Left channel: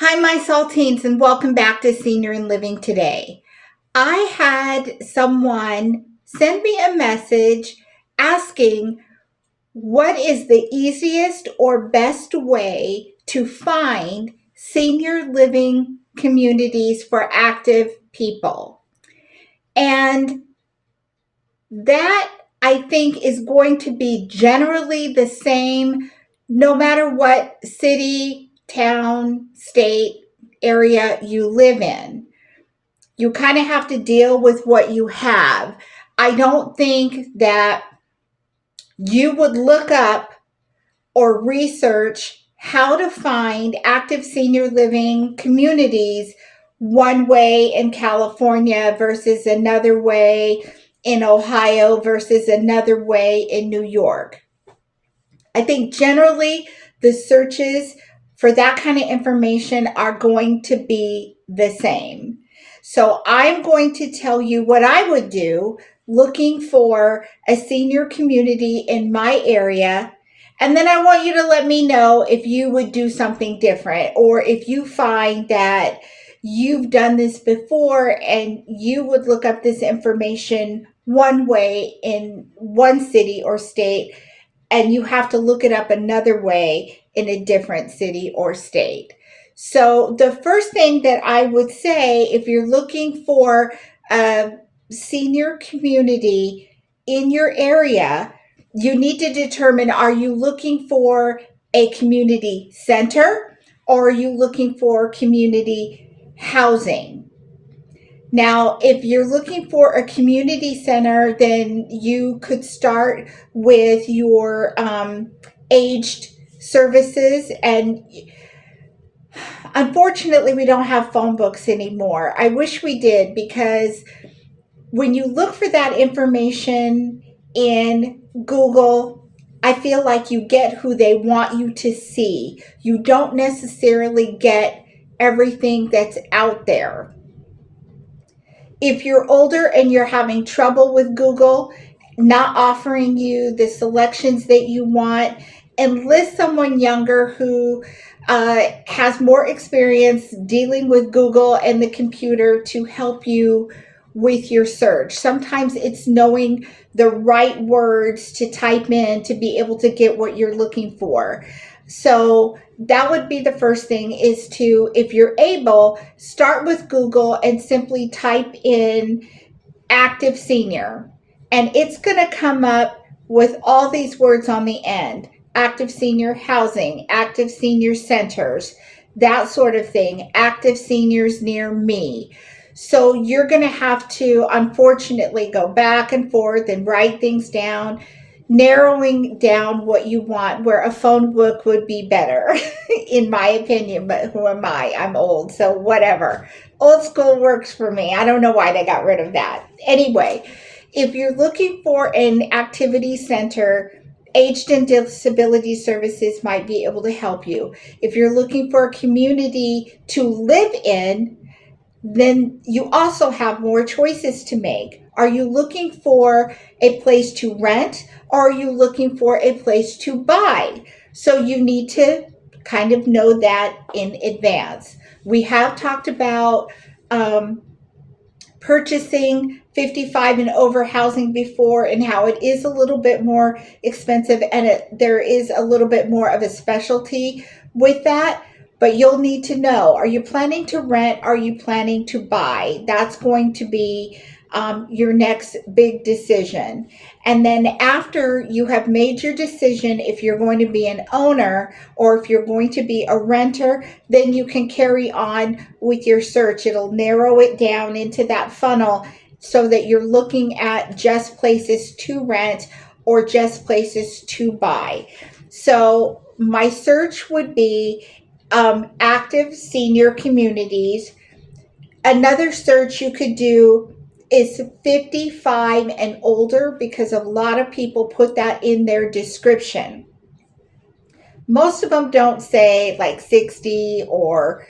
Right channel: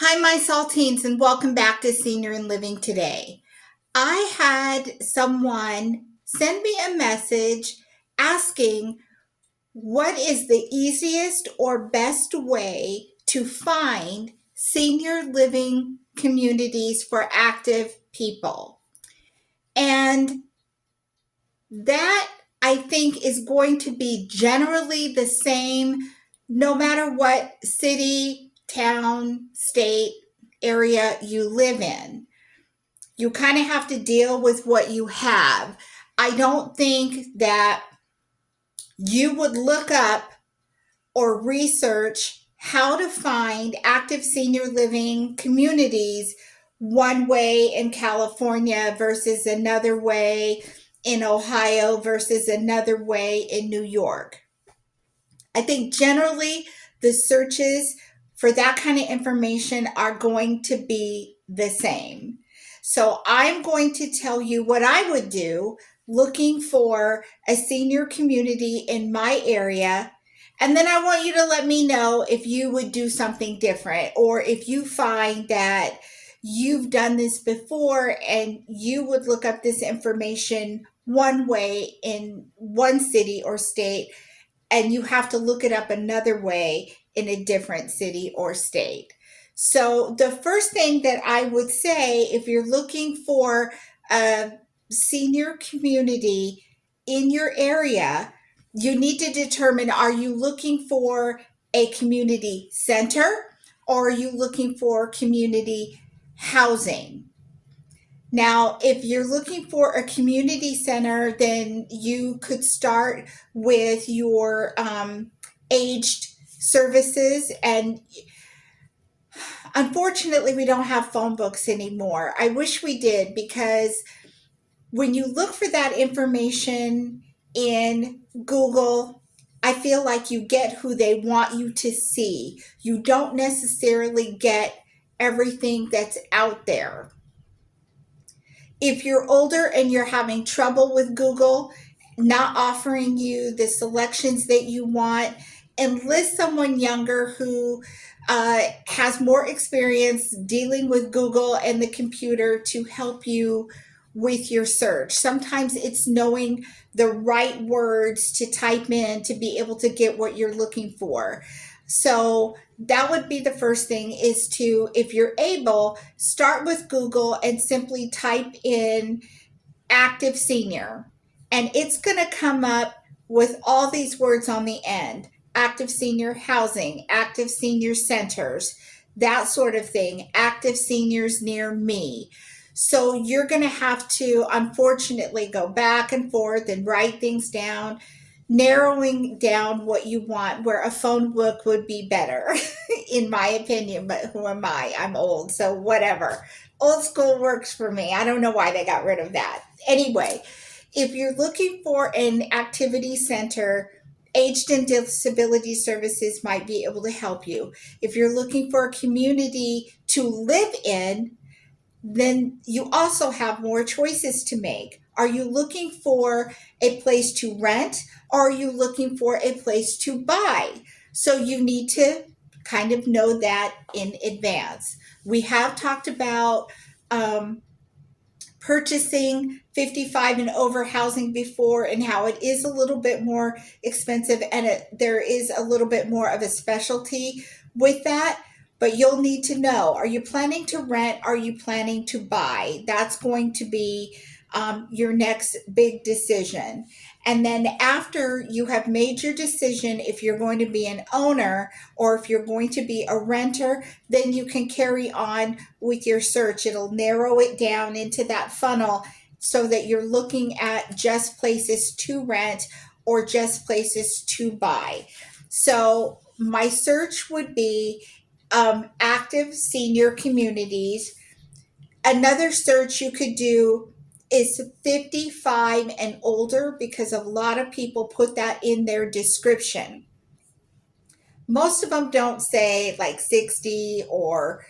Hi, my saltines, and welcome back to Senior and Living Today. I had someone send me a message asking what is the easiest or best way to find senior living communities for active people. And that I think is going to be generally the same no matter what city, town, state, area you live in. You kind of have to deal with what you have. I don't think that you would look up or research how to find active senior living communities one way in California versus another way in Ohio versus another way in New York. I think generally the searches for that kind of information are going to be the same. So I'm going to tell you what I would do looking for a senior community in my area. And then I want you to let me know if you would do something different or if you find that you've done this before and you would look up this information one way in one city or state and you have to look it up another way in a different city or state. So, the first thing that I would say if you're looking for a senior community in your area, you need to determine, are you looking for a community center or are you looking for community housing? Now, if you're looking for a community center, then you could start with your aged services. And unfortunately, we don't have phone books anymore. I wish we did, because when you look for that information in Google, I feel like you get who they want you to see. You don't necessarily get everything that's out there. If you're older and you're having trouble with Google not offering you the selections that you want, enlist someone younger who has more experience dealing with Google and the computer to help you with your search. Sometimes it's knowing the right words to type in to be able to get what you're looking for. So that would be the first thing, is to, if you're able, start with Google and simply type in active senior. And it's going to come up with all these words on the end: active senior housing, active senior centers, that sort of thing, active seniors near me. So you're going to have to, unfortunately, go back and forth and write things down, narrowing down what you want, where a phone book would be better, in my opinion. But who am I? I'm old, so whatever. Old school works for me. I don't know why they got rid of that. Anyway, if you're looking for an activity center, Aged and Disability Services might be able to help you. If you're looking for a community to live in, then you also have more choices to make. Are you looking for a place to rent, or are you looking for a place to buy? So you need to kind of know that in advance. We have talked about um, purchasing 55 and over housing before, and how it is a little bit more expensive, and there is a little bit more of a specialty with that. But you'll need to know, are you planning to rent? Are you planning to buy? That's going to be your next big decision. And then after you have made your decision, if you're going to be an owner or if you're going to be a renter, then you can carry on with your search. It'll narrow it down into that funnel so that you're looking at just places to rent or just places to buy. So my search would be active senior communities. Another search you could do is 55 and older, because a lot of people put that in their description. Most of them don't say like 60 or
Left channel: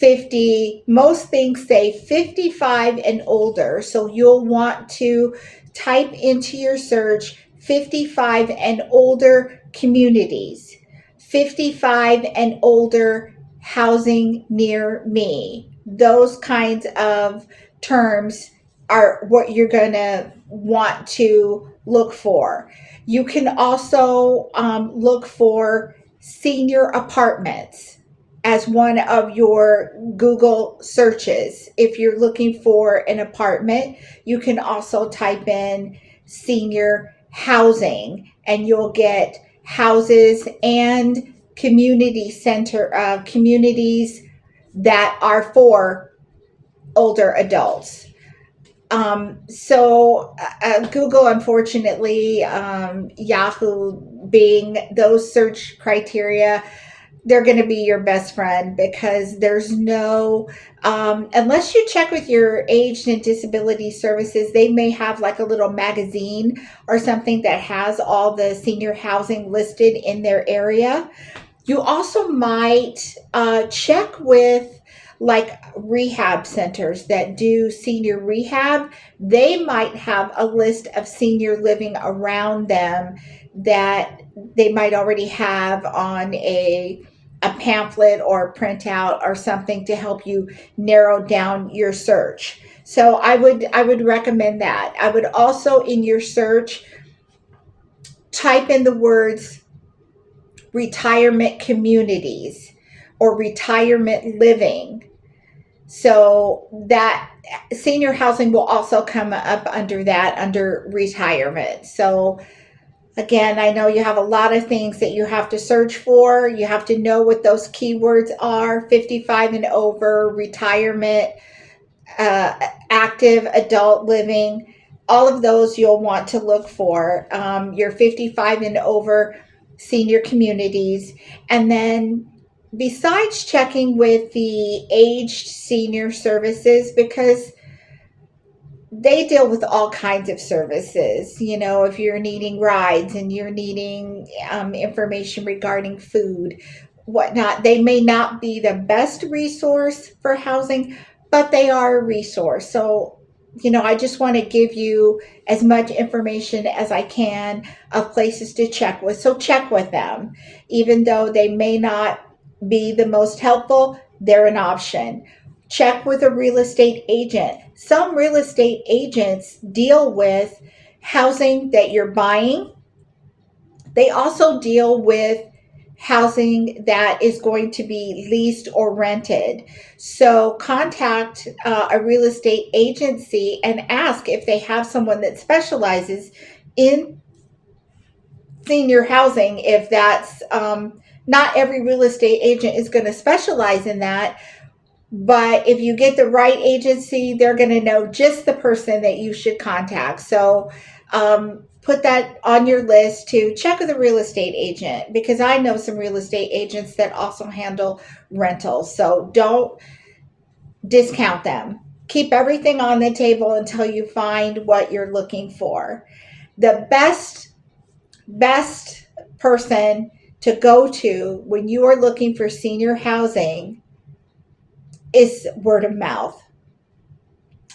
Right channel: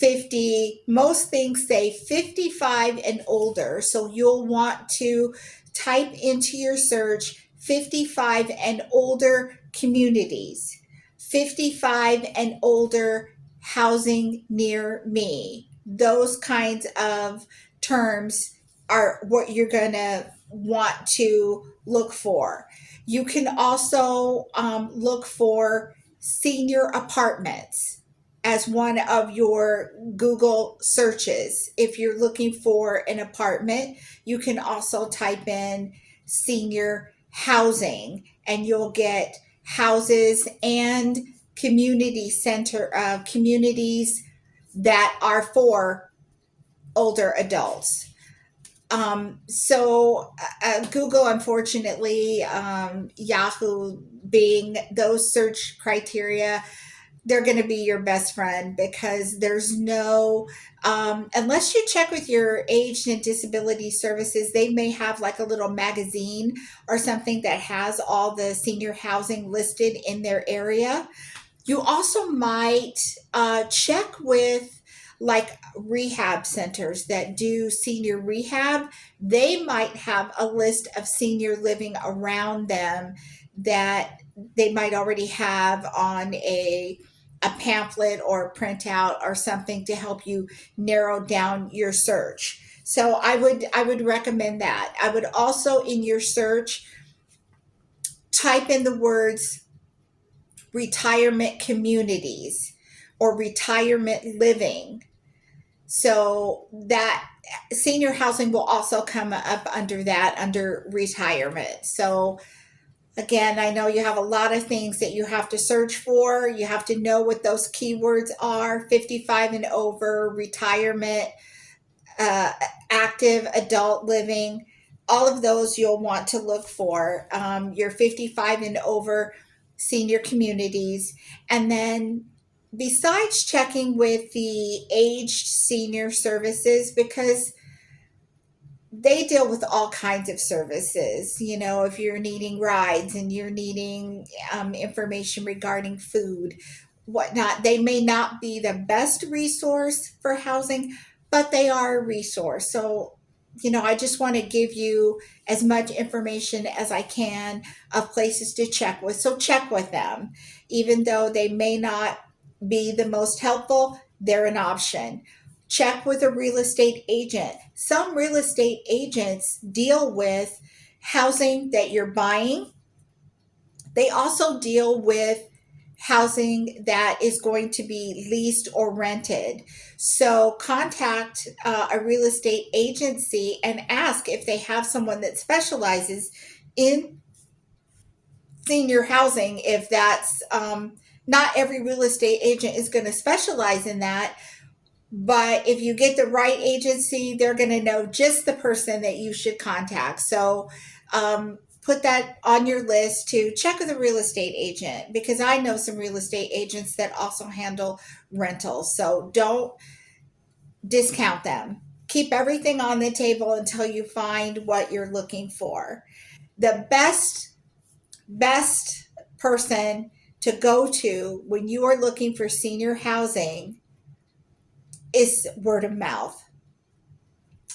50. Most things say 55 and older. So you'll want to type into your search 55 and older communities, 55 and older housing near me. Those kinds of terms are what you're going to want to look for. You can also look for senior apartments as one of your Google searches. If you're looking for an apartment, you can also type in senior housing and you'll get houses and communities that are for older adults. Google, unfortunately, Yahoo, Bing, those search criteria, they're going to be your best friend because there's no, unless you check with your age and disability services, they may have like a little magazine or something that has all the senior housing listed in their area. You also might check with like rehab centers that do senior rehab. They might have a list of senior living around them that they might already have on a pamphlet or a printout or something to help you narrow down your search. So I would recommend that. I would also in your search type in the words retirement communities or retirement living. So that senior housing will also come up under that, under retirement. So again, I know you have a lot of things that you have to search for. You have to know what those keywords are: 55 and over, retirement, uh, active adult living. All of those you'll want to look for. Your 55 and over senior communities. And then, besides checking with the aged senior services, because they deal with all kinds of services. You know, if you're needing rides and you're needing information regarding food, whatnot, they may not be the best resource for housing, but they are a resource. So, you know, I just want to give you as much information as I can of places to check with. So, check with them. Even though they may not be the most helpful, they're an option. Check with a real estate agent. Some real estate agents deal with housing that you're buying. They also deal with housing that is going to be leased or rented. So contact a real estate agency and ask if they have someone that specializes in senior housing. If that's not every real estate agent is going to specialize in that, but if you get the right agency, they're going to know just the person that you should contact. So put that on your list to check with a real estate agent, because I know some real estate agents that also handle rentals. So don't discount them. Keep everything on the table until you find what you're looking for. The best person to go to when you are looking for senior housing is word of mouth.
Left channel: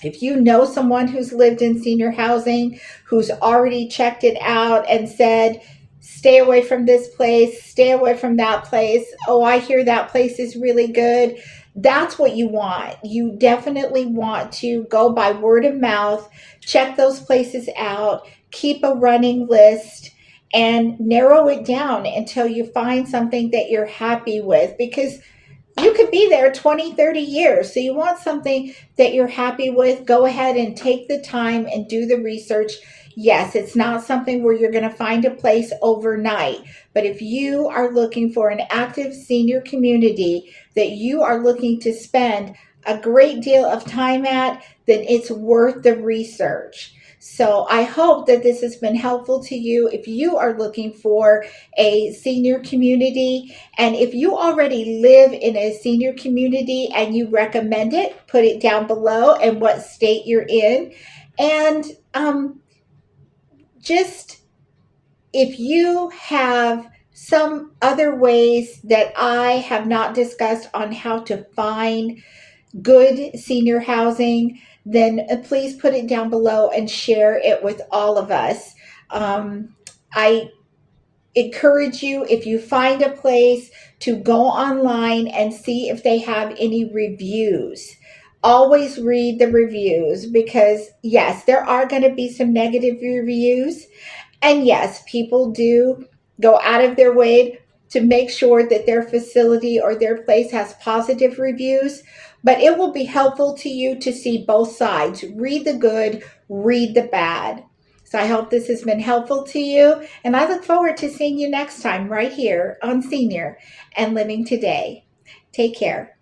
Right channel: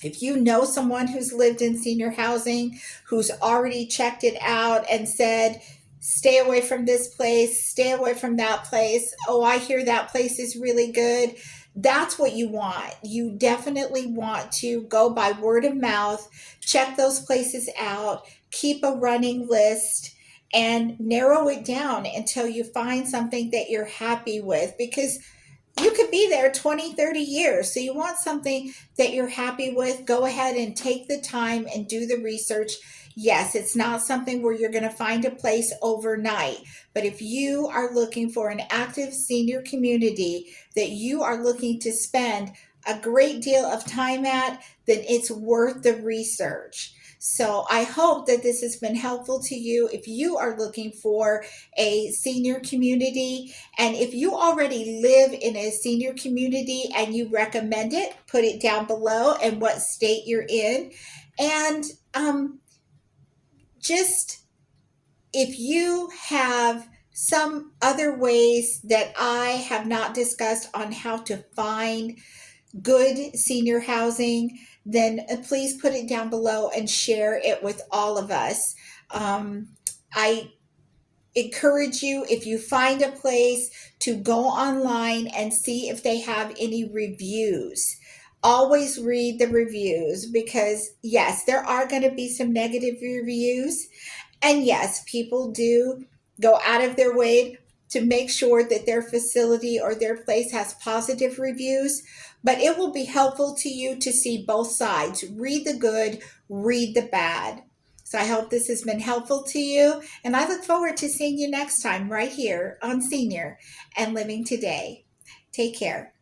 If you know someone who's lived in senior housing, who's already checked it out and said, stay away from this place, stay away from that place. Oh, I hear that place is really good. That's what you want. You definitely want to go by word of mouth, check those places out, keep a running list, and narrow it down until you find something that you're happy with, because you could be there 20, 30 years. So you want something that you're happy with. Go ahead and take the time and do the research. Yes, it's not something where you're going to find a place overnight. But if you are looking for an active senior community that you are looking to spend a great deal of time at, then it's worth the research. So I hope that this has been helpful to you if you are looking for a senior community. And if you already live in a senior community and you recommend it, put it down below and what state you're in. And just if you have some other ways that I have not discussed on how to find good senior housing, then please put it down below and share it with all of us. I encourage you, if you find a place, to go online and see if they have any reviews. Always read the reviews because, yes, there are going to be some negative reviews. And yes, people do go out of their way to make sure that their facility or their place has positive reviews. But it will be helpful to you to see both sides. Read the good, read the bad. So I hope this has been helpful to you. And I look forward to seeing you next time right here on Senior and Living Today. Take care.